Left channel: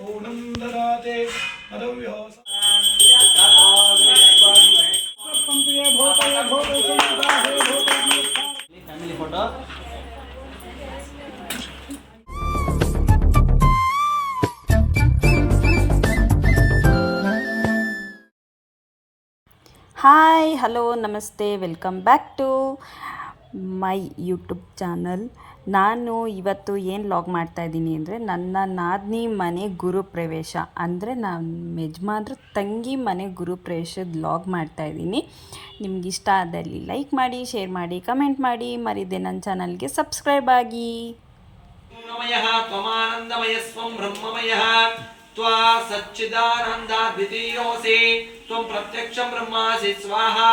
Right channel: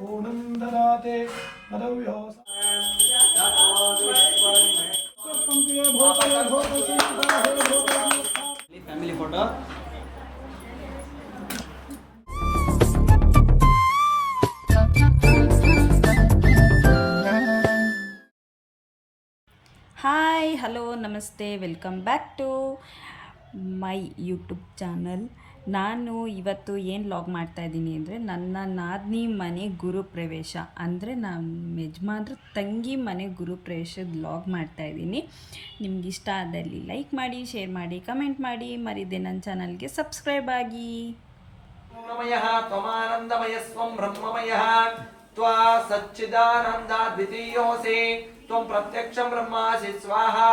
पूर्णं ददाते मदव्यो फैमिली फोटो ಹಾಯ್ ಹಲೋ ನಮಸ್ತೆ welcome back to my YouTube channel. ನಾನು ಇವತ್ತು ಏನು ಲಾಗ್ ಮಾಡ್ತಾಯಿದ್ದೀನಿ ಅಂದರೆ ನನ್ನ ನಾದಿನಿ ಮನೆ ಗುರುಪ್ರವೇಶ ಅಂದರೆ ನಮ್ಮ ಯಜಮಾನ್ರ ತಂಗಿ ಮನೆ ಗುರುಪ್ರವೇಶದ ಲಾಗ್ ಮಾಡ್ತಾಯಿದ್ದೀನಿ. ನಿಮ್ಗೆ ಇಷ್ಟ ಆದಲ್ಲಿ ಲೈಕ್ ಮಾಡಿ, ಶೇರ್ ಮಾಡಿ, ಕಮೆಂಟ್ ಮಾಡಿ, ಮರಿದೆ ನನ್ನ ಚಾನಲ್ಗೆ ಸಬ್ಸ್ಕ್ರೈಬ್ ಆಗಿ. त्वा सच्चिदानंदा द्वितीयोऽसि त्वं प्रत्यक्षं ब्रह्मासि स्वाहा.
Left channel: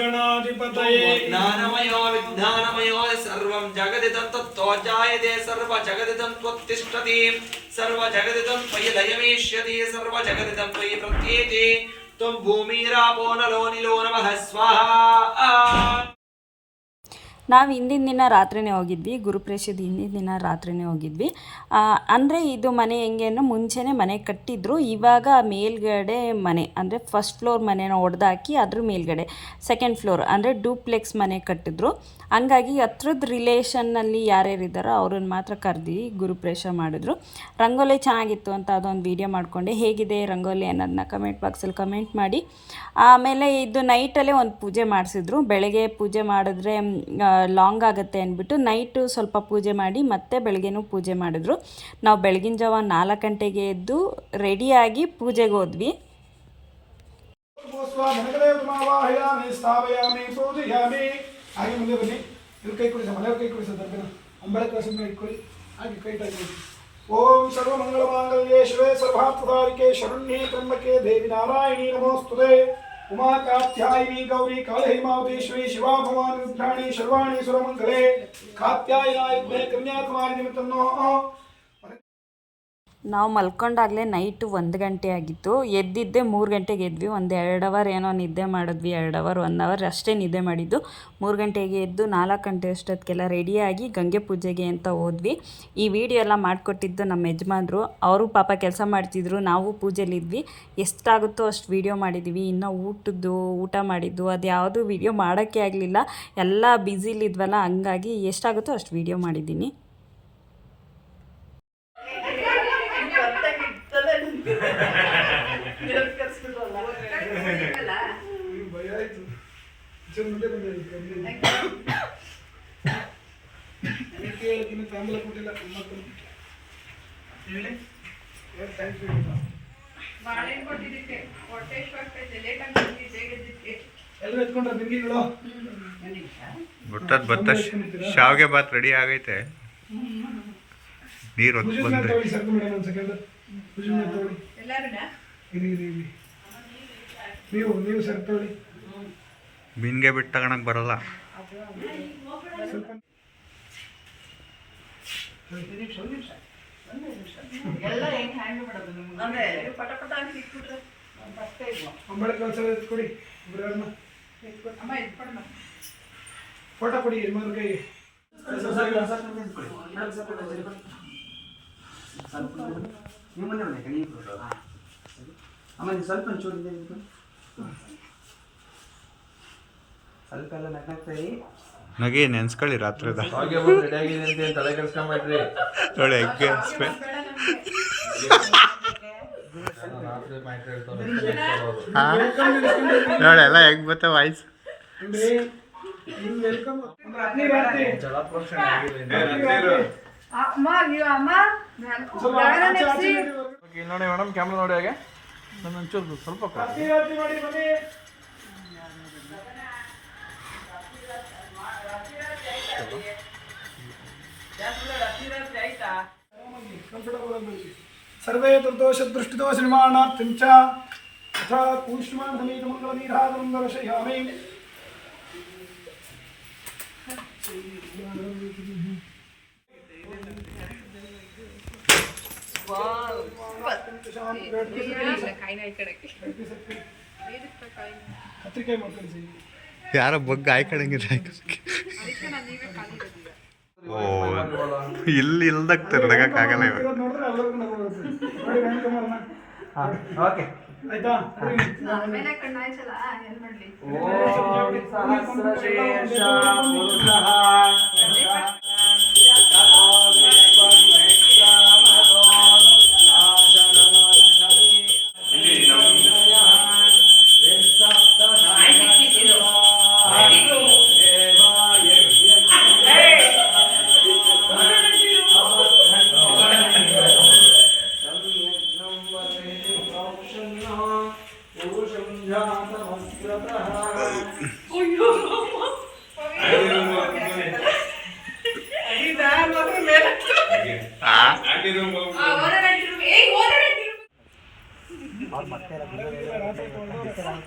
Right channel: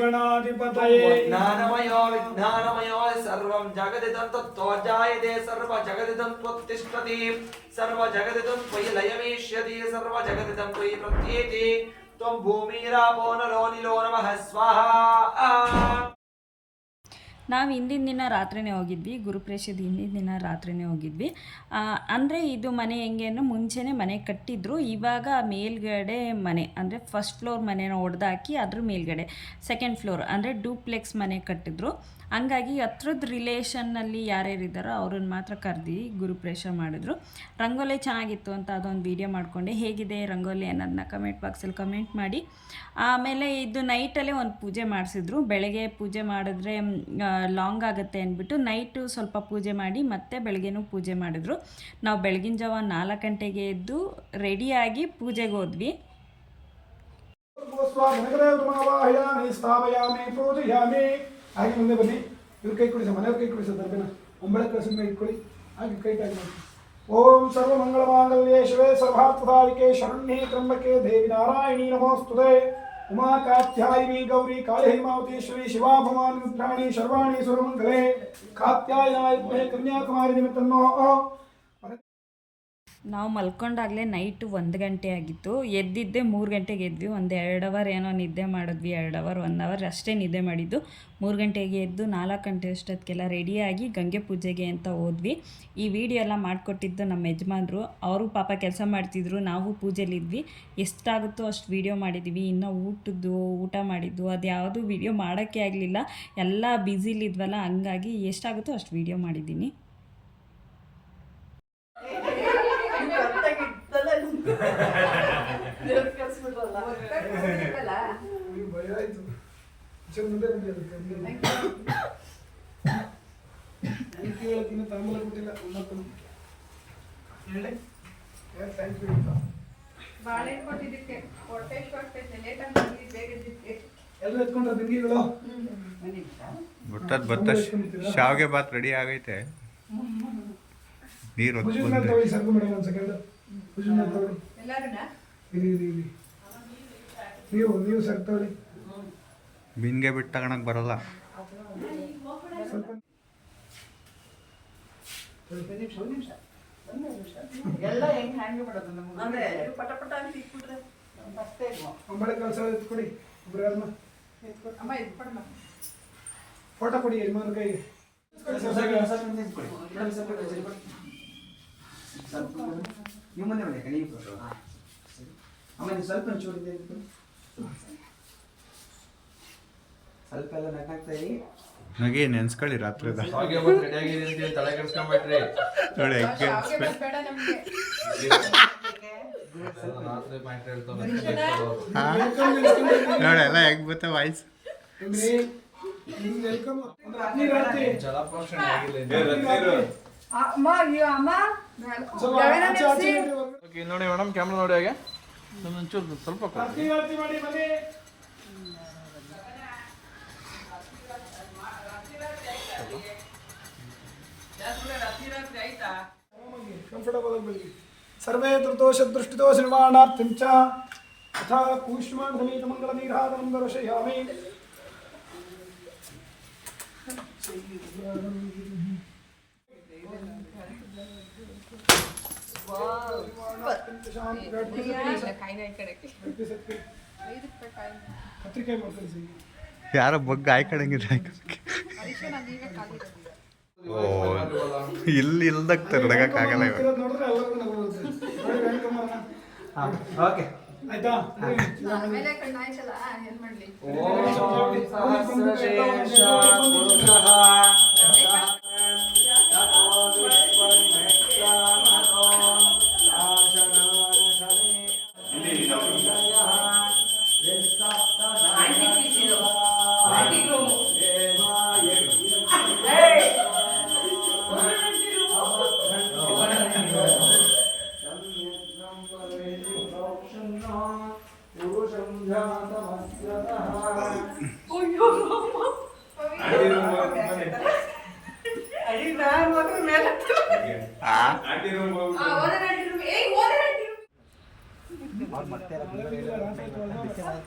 गणाधिपतये ज्ञानमयो विज्ञानमयो सर्वं जगदिदं तत्तो जायते सर्वजगदिदं त्वत्तिष्ठति सर्वजगदिदं त्वयि लयमेष्यति सर्वजगदिदं त्वयि प्रत्येति त्वं भूमिरापो नलो निलो नमः स्वाहा. ನಾವು ಹಿಂದಿನ ದಿನ ರಾತ್ರಿನೇ ಹೋಗಿದ್ವಿ, ಗುರುಪ್ರವೇಶದ ಹಿಂದಿನ ದಿನ ರಾತ್ರಿನೇ ಹೋಗಿದ್ವಿ. ಅಂದರೆ ಇದು ಮನೆ ಹೆಂಗೆ ಅಂದರೆ ಮುಂಚೆನೇ ಮನೆ ಕಟ್ಟಿದ್ರು, ಇವಾಗ ಮೇಲ್ಗಡೆ ಮನೆ ಅಂದರೆ ಫಸ್ಟ್ ಫ್ಲೋರ್ ಮನೆನ ಹೊಡೆದಾಕಿ ಅದ್ರ ಮೇಲ್ಗಡೆ ಸೆಕೆಂಡ್ ಫ್ಲೋರ್ ಅಂದರೆ ಡೂಪ್ಲೆಕ್ಸ್ ಮನೆ ಕಟ್ಟಿದ್ರು. ಹಂಗಾಗಿ ಹತ್ರದ ರಿಲೇಷನ್ನಲ್ಲಿ ಯಾರ್ಯಾರಿದ್ದಾರೋ ಅವ್ರನ್ನ ಮಾತ್ರ ಕರೆದು ಗುರುಪ್ರವೇಶ ಮಾಡಿದ್ರು. ರಂಗೋಲಿ ಚೆನ್ನಾಗಿತ್ತು ಅಂತ ಅದೊಂದು ವೀಡಿಯೋ ಮಾಡಿಕೊಂಡೆ. ಹೇಗಿದೆ ರಂಗೋಲಿ ಅನ್ನೋದನ್ನ ಕಮೆಂಟ್ ಬಾಕ್ಸಲ್ಲಿ ಕಮೆಂಟ್ ಮಾಡಿ. ಆಮೇಲೆ ಇದು ನೈಟಲ್ಲೇ ಒಂದು ಪೂಜೆ ಮಾಡಿಸಿದ್ರು. ಬೆಳಗ್ಗೆ ಪೂಜೆ ಮಾಡಿದ್ರೆ ಲಾಂಗ್ ಆಗುತ್ತೆ ಅಂದ್ಬಿಟ್ಟು ನೈಟು ಸ್ವಲ್ಪ ಪೂಜೆ ಮಾಡಿ ಮತ್ತೆ ಬೆಳಗ್ಗೆನೂ ಪೂಜೆ ಮಾಡಿದ್ರು. ನಾವು ಬೆಳಗಿನ ಜಾವ 4 ಗಂಟೆಗೆ ಎದ್ದು ರೆಡಿಯಾಗಿ ಪೂಜೆಗೆ ಹೋದ್ವಿ. ಹಾಗೆ ಮುಂದೆ ಬನ್ನಿ, ಇವ್ರ ಕೈ ಕುಡಿಸಿ, ಮನೆಯವ್ರ ಕೈ ಕುಡಿಸಿ, ದರ್ಬನ ಅಂಬಳೆ ಪ್ರಸನ್ನ ಇಟ್ಕೊಳ್ಳಿ, ಹಾಗೆ ಕೈ ಟಾಗಿ. ಓಂ ಸರ್ವಮಂಗಳಮಾಂಗಲ್ಯೇ ಶಿವೆ ಸರ್ವಾರ್ಥಸಾಧಿಕೆ ಶರಣ್ಯೇ ತ್ರ್ಯಂಬಕೆ ದೇವಿ ನಾರಾಯಣಿ ನಮೋಸ್ತುತೆ. ಉಮಾ ಕಾತ್ಯಾಯಿನಿ ಗೌರಿ ಕಾಳಹೈಮಾವತೀಶ್ವರಿ ಶಿವಾ ಭವಾನಿ ರುದ್ರಾಣಿ ಶರ್ವಾಣಿ ಸುರಮಂಗಲೇ ಕಾತ್ಯಾಯನಾಯಜ್ಞೆ ಕನ್ಯಾಕುಮಾರಿ ನಿಮಿತ್ತನ್ನೋ. ನಾವು ಮಲ್ಕೊಂಡಾಗಲೇ ನೈಟು 1 ಗಂಟೆ ಆಗಿತ್ತು. ಎದ್ದಿದ್ದೆ 3 ಗಂಟೆಗೆ ಎದ್ವಿ. ಒಂದು 2 ಅವರ್ ಏನೋ ನಿದ್ದೆ ಮಾಡಿದ್ವಿ, 2 ಅವರ್ 1 ಅವರ್ ಅಷ್ಟೇ ನಿದ್ದೆ ಮಾಡಿದ್ದು. 3 ಗಂಟೆಗೆ ಎದ್ದು 4 ಗಂಟೆ ಅಷ್ಟೊತ್ತಿಗೆಲ್ಲ ರೆಡಿಯಾಗಿ ಗಂಗೆ ಪೂಜೆಗೆ ಅಂತ ಹೋದ್ವಿ. ಈ ವಿಡಿಯೋ ಎಲ್ಲ ಮಾಡಿಕೊಟ್ಟಿದ್ದು ನಮ್ಮ ಯಜಮಾನ್ರು. ಅವರು ಪಾಪ ಕೆಲಸ ಮಾಡ್ತಿದ್ರು, ನಾವು ಪೂಜೆಲಿದ್ವಿ. ಎಷ್ಟಾಗುತ್ತೋ ಅಷ್ಟು ವೀಡಿಯೋ ಮಾಡಿದ್ದೀವಿ. ಇನ್ನು ಊಟ ಮಾಡಿದ್ದು ಅದು ಯಾವುದೂ ವೀಡಿಯೋ ಮಾಡೋಕ್ಕೆ ಆಗಲಿಲ್ಲ, ಎಲ್ಲ ಬ್ಯುಸಿಲಿದ್ವಲ್ಲ, ಹಂಗಾಗಿ ಎಷ್ಟಾಗುತ್ತೋ ಅಷ್ಟು ವೀಡಿಯೋ ಮಾಡಿದ್ದೀನಿ. ತಾಂಬೂಲ ಕೊಟ್ಟಿಲ್ಲ ಎಲ್ಲರೂ ಎತ್ಕೊಂಡ್ರೆ ಬಿಂದಿಗಳು ಬತ್ತ ಶಾವಿಗೆ ಬಾತ್ ರೆಡಿ ಆಗೈತೆ. ನೀರು ತಗೊಳ್ಳಿ ಸರ್ಕು ಮೇಡಮ್, ಒಂದು ಸೆಕೆಂಡ್ ಪೂಜೆ ತಗೊಳ್ಳಿ. ನೀವು ಸರ್ ತಗೊಳ್ಳಿ. ಬಿನ್ಗೆ ಬಿಟ್ಟು ತಗೊಳಕ್ ಬರಲ್ಲ. ಅಂಬಳೆ ಕಳ್ಸ ಎತ್ಕೊಡಿ, ಫೋಟೋ ಕೊಡಿ ಯಜಮಾನ್ ಕೈಗೆ. ಸ್ವಲ್ಪ ಒಂಚೂರು ಸ್ವಲ್ಪ ಎಲ್ಲ ನಗ್ನಾಗ್ತಾಯಿ ನಗೆ ನೆನ್ಸ್ಕೊಳ್ಳಿ ರಾತ್ರಿದ ನೋಡಿ ಎಗ್ಗೆ ನೋಡಿ ಎಲ್ಲ ಹೆಂಗ್ ಬತ್ತ ವಾಯ್ಸ್. ನೋಡಿ ಮೇಡಮ್, ಕ್ಯಾಮ್ರಾ ನೋಡಿ ಹಾಗೆ ಒಂಚೂರು ಸ್ವಲ್ಪ सर्वे दुर्दोष दृष्टिदोष निर्माणार्थं च तथा कूष्मान् समेत मंगलमीराधनं दर्शयामि. ಯಾರ ಬಗ್ಗ ಆಯ್ಕಡಂಗಿದೆ. ಓ ಇಲ್ಲಿ ಇಲ್ದಾಗ್ತಾರೆ ನಡಕ್ಕಾಗಲ್ಲ ಇವಾಗ. ಹಾಂ ಓಕೆ. ಆಯ್ತಾ? ಆಮೇಲೆ ಕಣ್ಣಾಯ್ತಲ್ಲ ಏನ್ ಮಾಡ್ಲಿ? ಓಂ ಸಹಸ್ರಶೀರ್ಷ ಪುರುಷಃ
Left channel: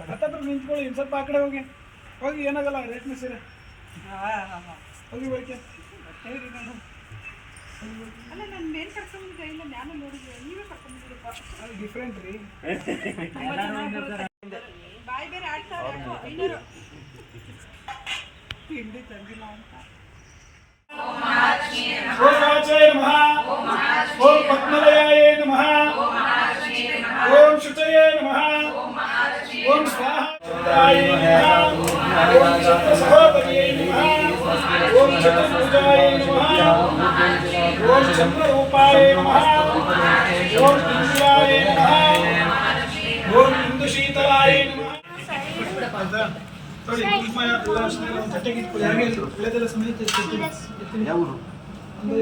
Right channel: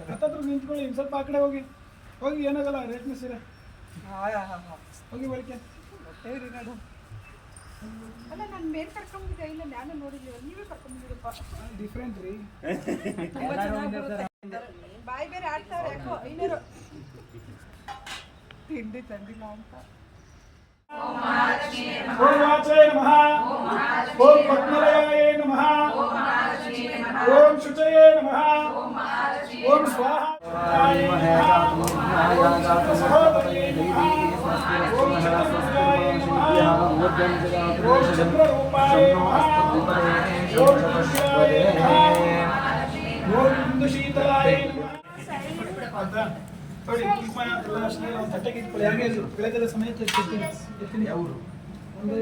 ಹತ್ತತ್ರ ನಿಂತ್ಕೊಳ್ಳಿ, ಸ್ವಲ್ಪ ಆ ಕಡೆ ಹೋಗಿ ಹೋಗಿ, ಏನಾಗಲ್ಲ, ರೇಷ್ಮೆ ಸೀರೆ ಹೋಗಿ ಬಳಿಕೆ. ಅಲ್ಲ ನಾನು ಮೇಲ್ ಕರ್ಕೊಂಡ್ಬಿಟ್ಟಿದ್ದೆ, ಇಲ್ಲ ನಾನು ನೋಡಿದ್ವಿ, ನೀವೇ ಕರ್ಕೊಂಡ್ಬಿಟ್ಟಿರಪ್ಪ. ಡಿಫ್ರೆಂಟ್ ರೀ. ಬಾಯಿ ಬೇರೆ ಆಡ್ತಾವ್ರೆ ಯಾಕೋ 500 ತಿಂಡಿ ತಂದಿಲ್ಲ ಅಂತ. ಓಂ ವಾಚಾಯ ನಮಃ, ಓಂ ಪದ್ಮಲಯಾಯ ನಮಃ, ಓಂ ಶುಚಯೇ ನಮಃ, ಓಂ ಸ್ವಾಹಾಯ ನಮಃ, ಓಂ ಚಂದ್ರಸಹೋದರಿಯೇ ನಮಃ, ಓಂ ಚಂದ್ರಪೂಜಾಯ ನಮಃ, ಓಂ ಚಂದ್ರರೂಪಾಯ ನಮಃ, ಓಂ ತುಳಸ್ಯಾಯ ನಮಃ, ಓಂ ಇಂದುಶೀತಲಾಯ ನಮಃ. ನೋಡಿ, ಕುಂಕುಮ ಎಲ್ಲ ಜೊತೆಗೆ ಇಟ್ಕೊಳ್ಳಿ. ಹಾಗೆ ಬೆಳೆದೆಲ್ಲ ಸಮೇತ ಎತ್ತೀನಿ. ಒಂದೇ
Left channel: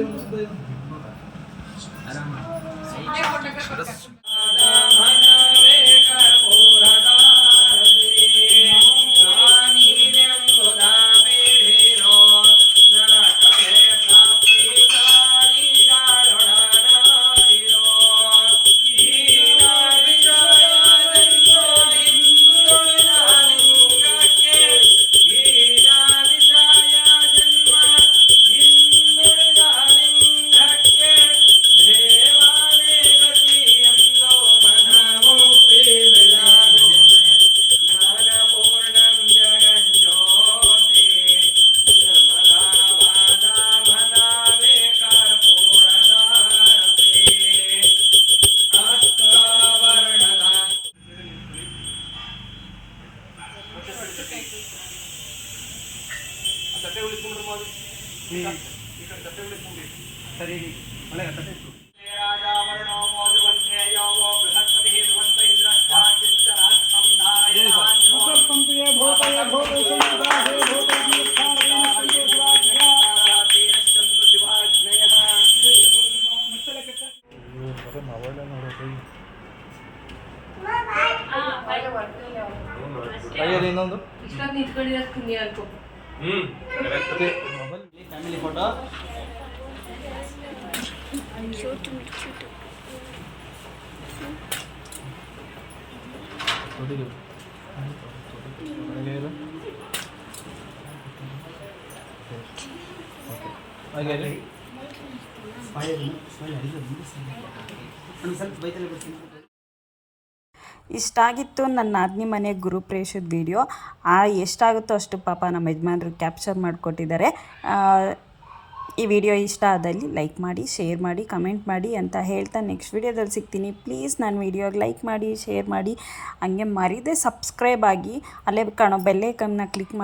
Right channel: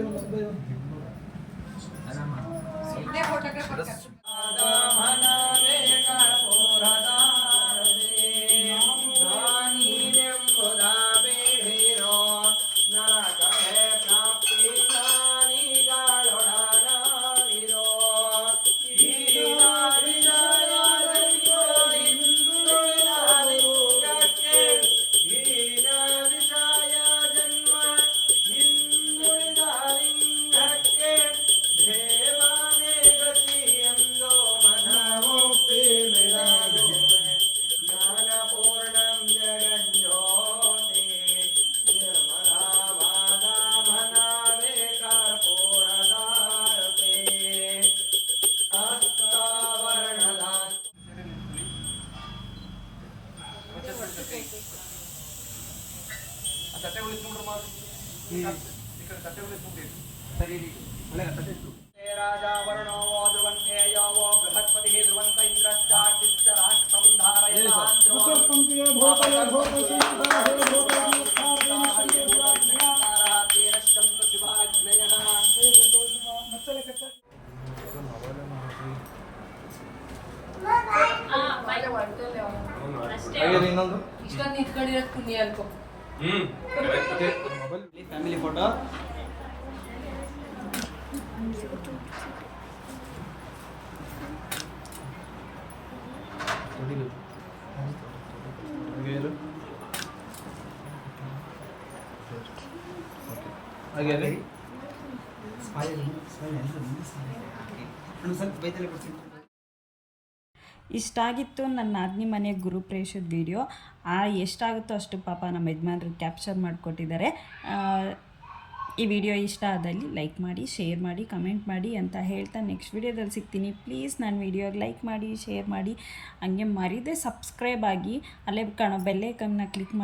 ಇಷ್ಟೊಂದು ನಿಂತ್ಕೊಂಡಿರೋದು ಪುಣ್ಯ ಅನ್ಕೋ. Family photo. ಇಷ್ಟಾಗಿತ್ತು ನನ್ನ ನಾದಿನಿ ಮನೆ ಗುರುಪ್ರವೇಶದ ವಿಡಿಯೋ. ಎಷ್ಟಾಗುತ್ತೋ ಅಷ್ಟು ಪಾಪ ನಮ್ಮ ಯಜಮಾನ್ರು ಕ್ಯಾಪ್ಚರ್ ಮಾಡಿಕೊಟ್ಟಿದ್ದಾರೆ. ಈ ವಿಡಿಯೋ ಇಷ್ಟ ಆದಲ್ಲಿ ಲೈಕ್ ಮಾಡಿ, ಶೇರ್ ಮಾಡಿ, ಕಮೆಂಟ್ ಮಾಡಿ ಅಂತ ಹೇಳ್ತಾ ನೆಕ್ಸ್ಟ್ ವಿಡಿಯೋದಲ್ಲಿ ಸಿಗ್ತೀನಿ. ಪ್ಲೀಸ್ ನನ್ನ ವಿಡಿಯೋಗೆ ಲೈಕ್ ಮಾಡಿ, ಶೇರ್ ಮಾಡಿ, ಹಂಗೆ ಮರೀದೆ ಸಬ್ಸ್ಕ್ರೈಬ್ ಆಗಿ ಅಲ್ಲೇ ಕಾಣೋ ಬೆಲ್ಲೈಕನ್ನ ಕ್ಲಿಕ್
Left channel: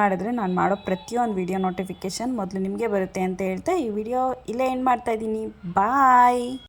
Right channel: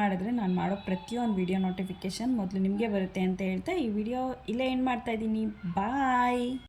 ಮಾಡಿದ್ರೆ ನಾನು ಮಾಡೋ ಪ್ರತಿಯೊಂದು ವಿಡಿಯೋ ನೋಟಿಫಿಕೇಷನ್ ಮೊದಲು ನಿಮಗೆ ಬರುತ್ತೆ ಅಂತ ಹೇಳ್ತಾ ಈ ವಿಡಿಯೋ ಇಲ್ಲೇ ಎಂಡ್ ಮಾಡ್ತಾಯಿದ್ದೀನಿ. ಬಾಯ್.